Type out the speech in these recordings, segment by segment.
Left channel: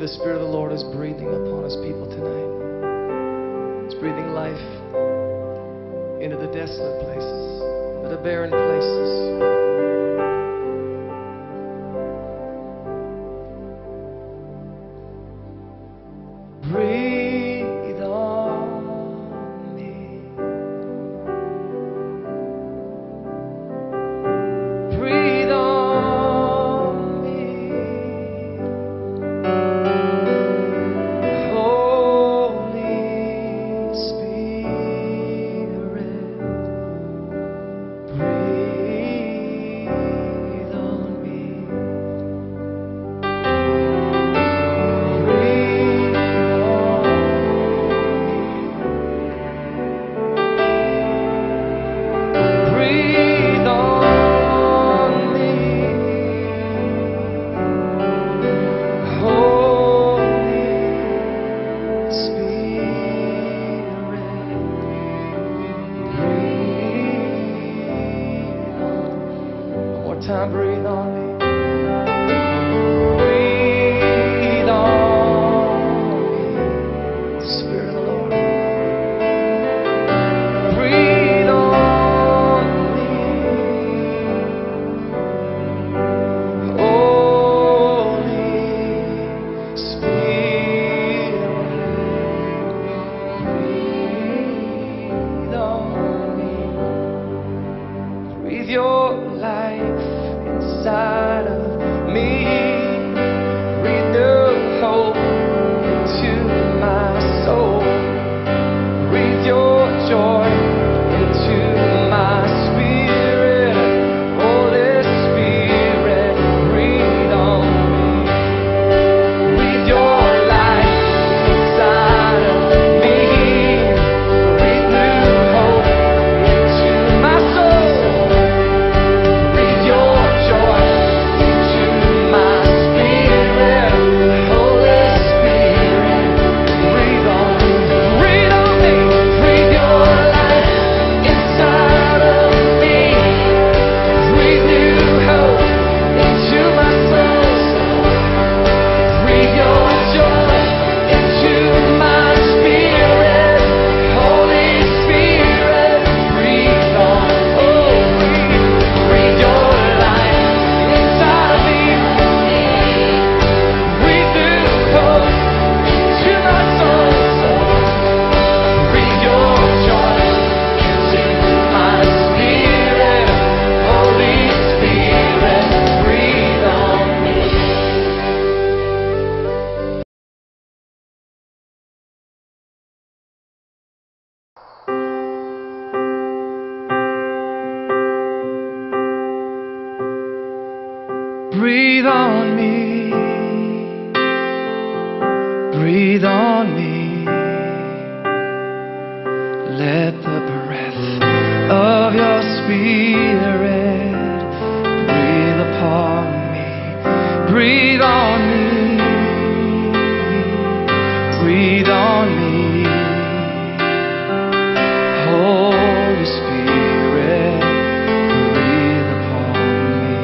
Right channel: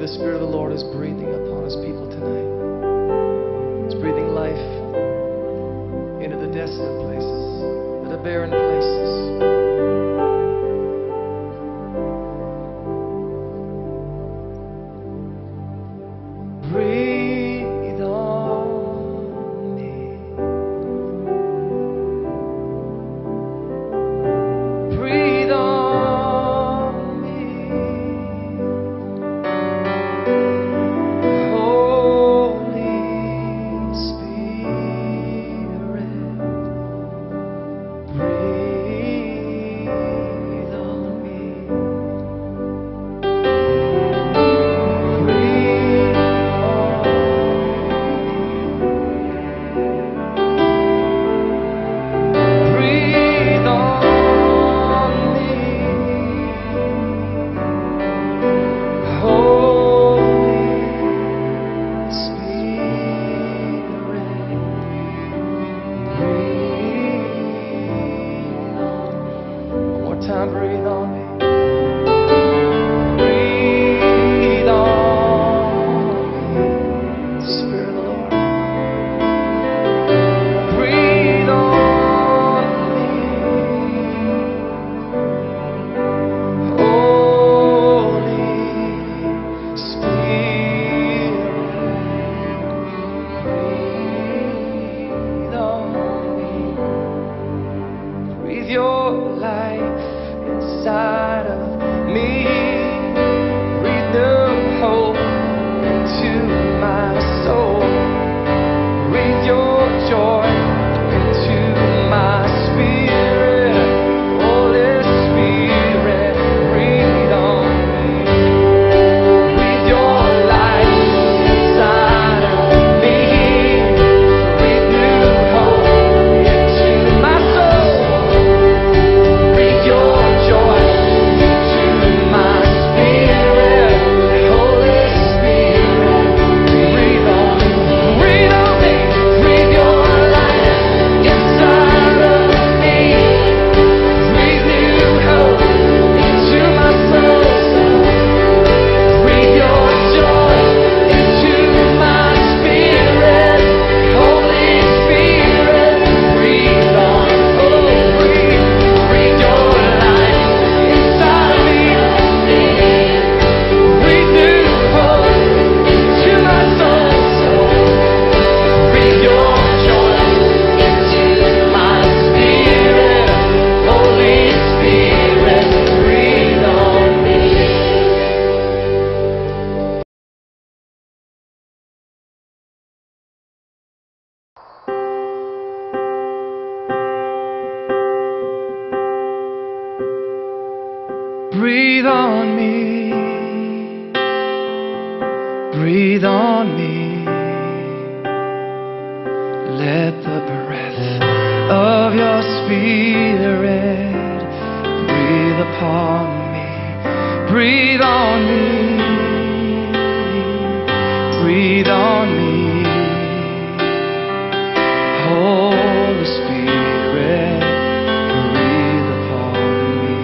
the Spirit of the Lord is breathing upon His people tonight. It's breathing life into the desolate places, into the barren places. Breathe on me. Breathe on me. Holy Spirit, breathe on me. Breathe on me, Holy Spirit, breathe on. One more time, breathe on me. Breathe on me, Spirit of the Lord. Breathe on. Breathe your life inside of me. Breathe new hope into my soul. Breathe your joy into my spirit. Holy Spirit, breathe on me. Breathe your life inside of me. Breathe new hope into my soul. Your joy into my spirit. Holy Spirit, breathe on me. Breathe on me. Breathe your life inside of me. Breathe new hope into my soul. Breathe your joy into my spirit. Holy Spirit, breathe on. Oh, breathe. Breathe your inside of me. Breathe new hope to my soul. Breathe your joy into my spirit. Holy Spirit, breathe on me. Breathe on me, breathe on me. Let the breath of your Spirit breathe upon me. Breathe on me, breathe on me. Holy Spirit, breathe upon me.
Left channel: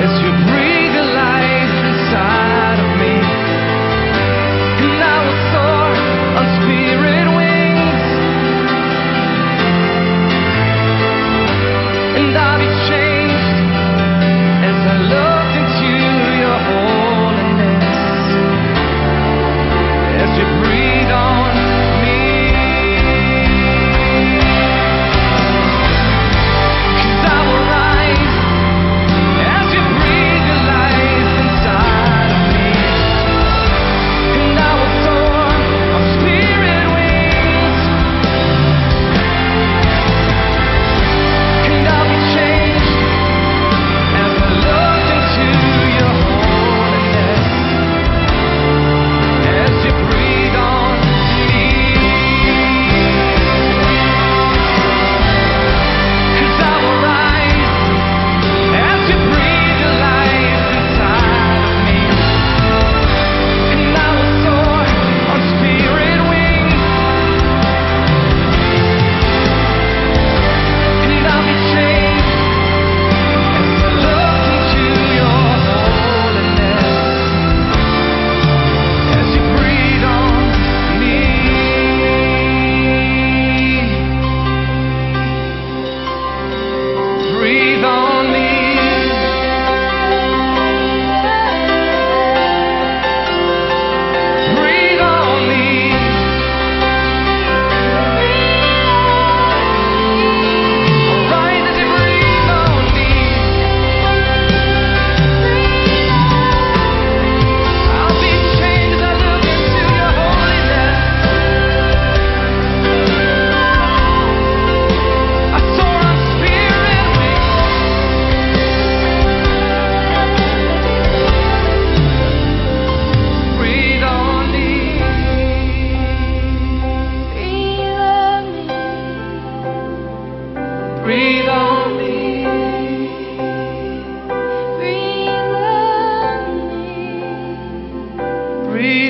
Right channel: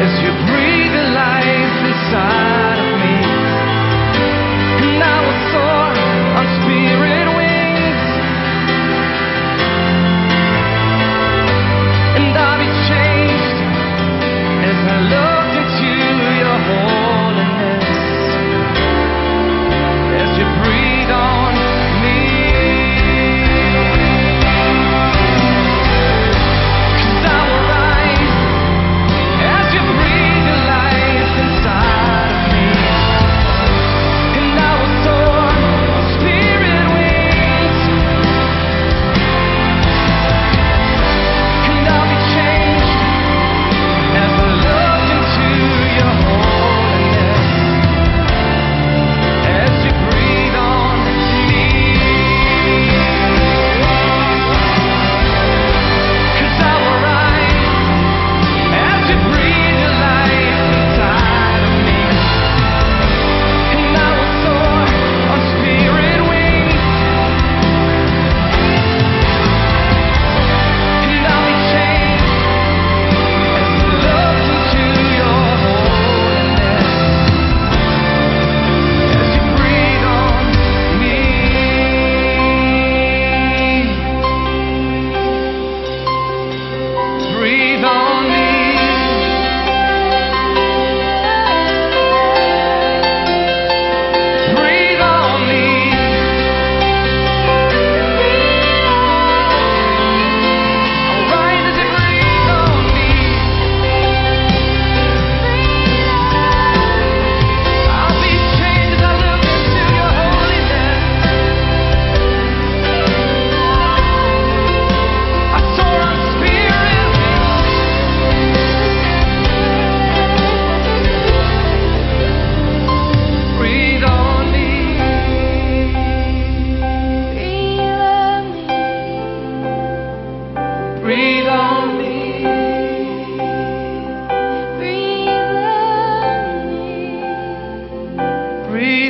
As you breathe your life inside of me, and I will soar on spirit wings, and I'll be changed as I look into your holiness. As you breathe on me, 'cause I will rise as you breathe your life inside of me, and I will soar on spirit wings, and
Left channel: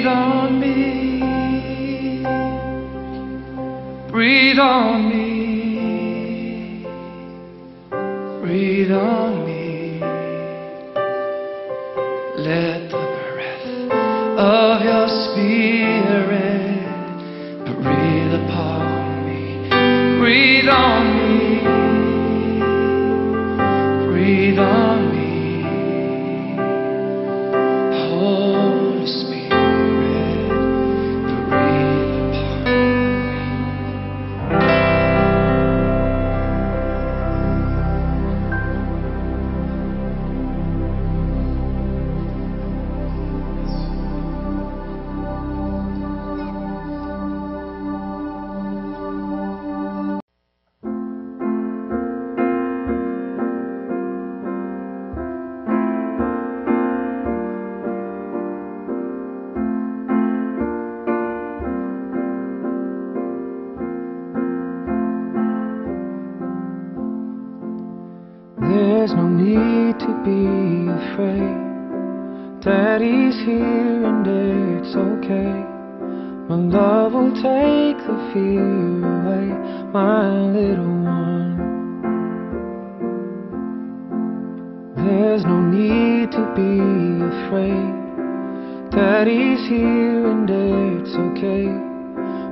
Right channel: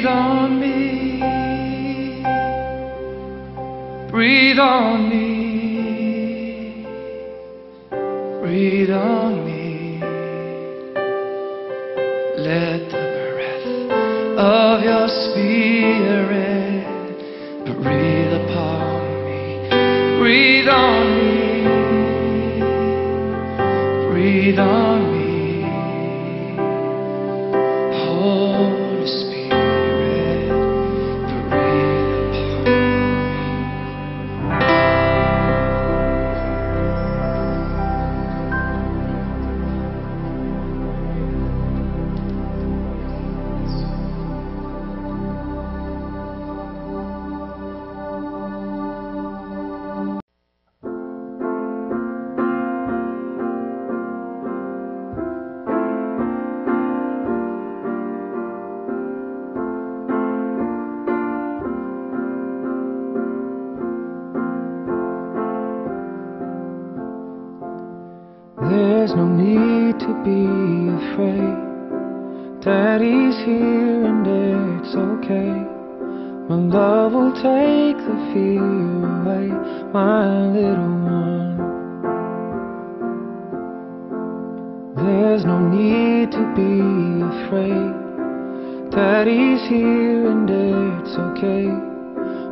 on me, breathe on me, breathe on me. Let the breath of your spirit breathe upon me, breathe on me, breathe on me. Holy Spirit, breathe upon me. There's no need to be afraid. Daddy's here and it's okay. My love will take the fear away, my little one. There's no need to be afraid. Daddy's here and it's okay.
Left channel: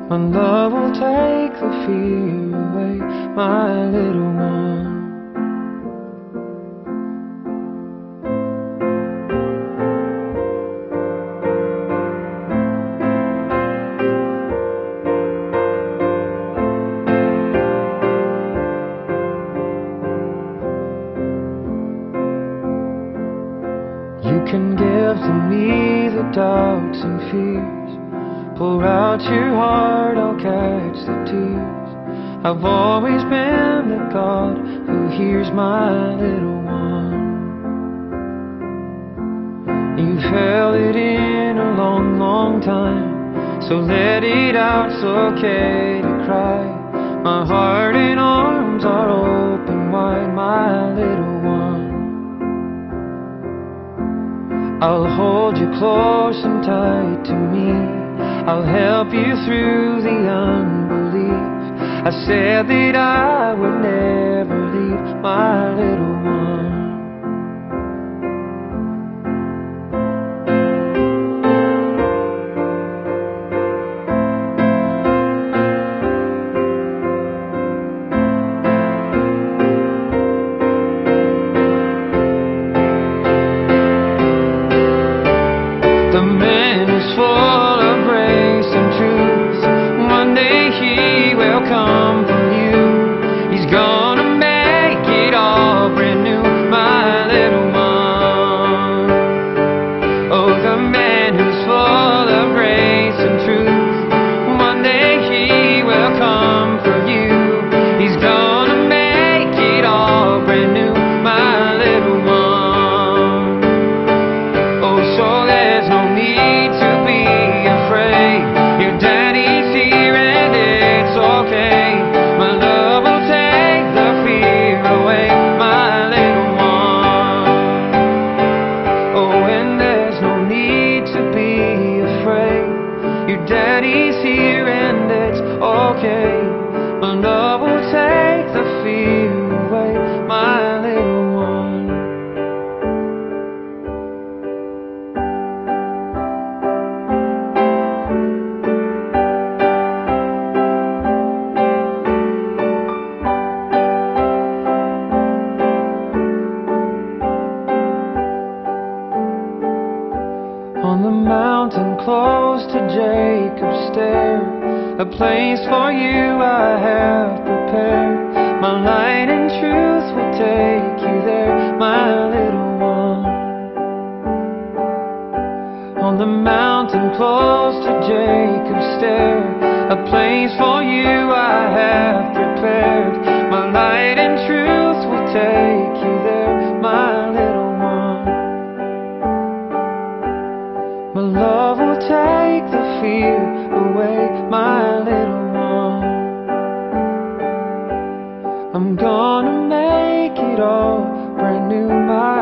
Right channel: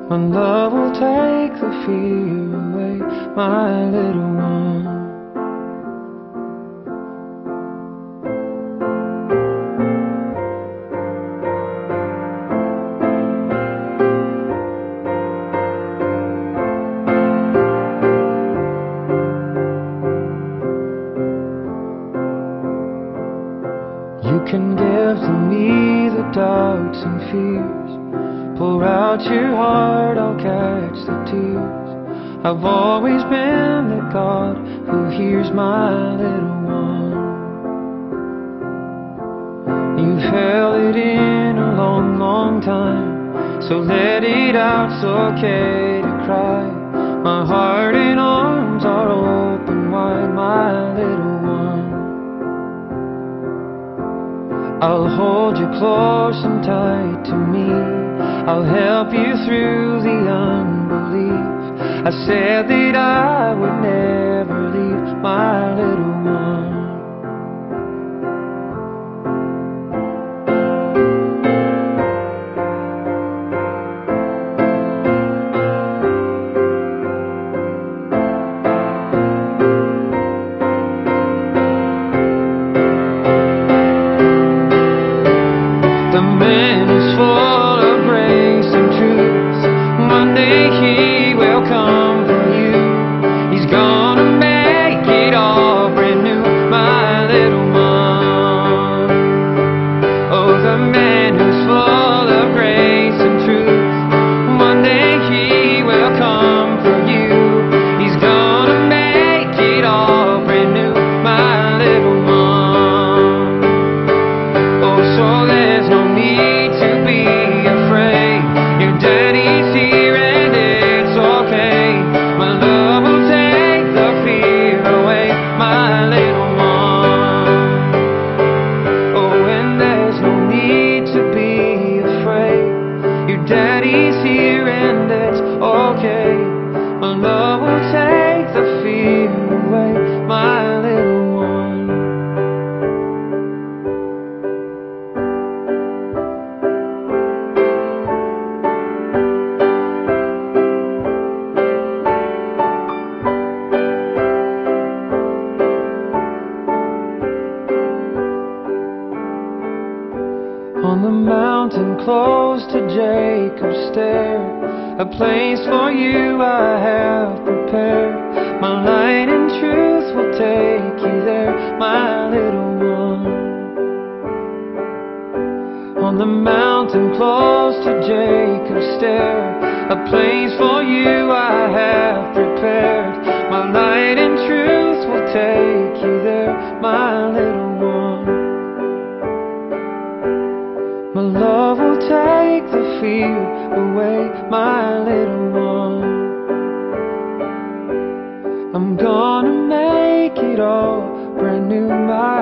My love will take the fear away, my little one. You can give to me the doubts and fears. Pour out your heart, I'll catch the tears. I've always been the God who hears my little one. You've held it in a long, long time, so let it out, it's okay to cry. My heart and arms are open wide, my little one. I'll hold you close and tight to me. I'll help you through the unbelief. I said that I would never leave, my little one. The man is full of grace and truth. One day he will come for you. He's gonna make it all brand new, my little one. Oh, the man who's full of grace and truth. One day he will come for you. He's gonna make it all brand new, my little one. Oh, so there's no need to be afraid. Your daddy's here and it's okay. My love will take the fear away, my little one. Oh, and there's no need to be afraid. Your daddy's here and it's okay. My love will take the fear away, my little one. On the mountain close to Jacob's stair, a place for you I have prepared. My light and truth will take you there, my little one. On the mountain close to Jacob's stair, a place for you I have prepared. My light and truth will take you there, my little one. My love will take the fear away, my little one. I'm gonna make it all brand new, my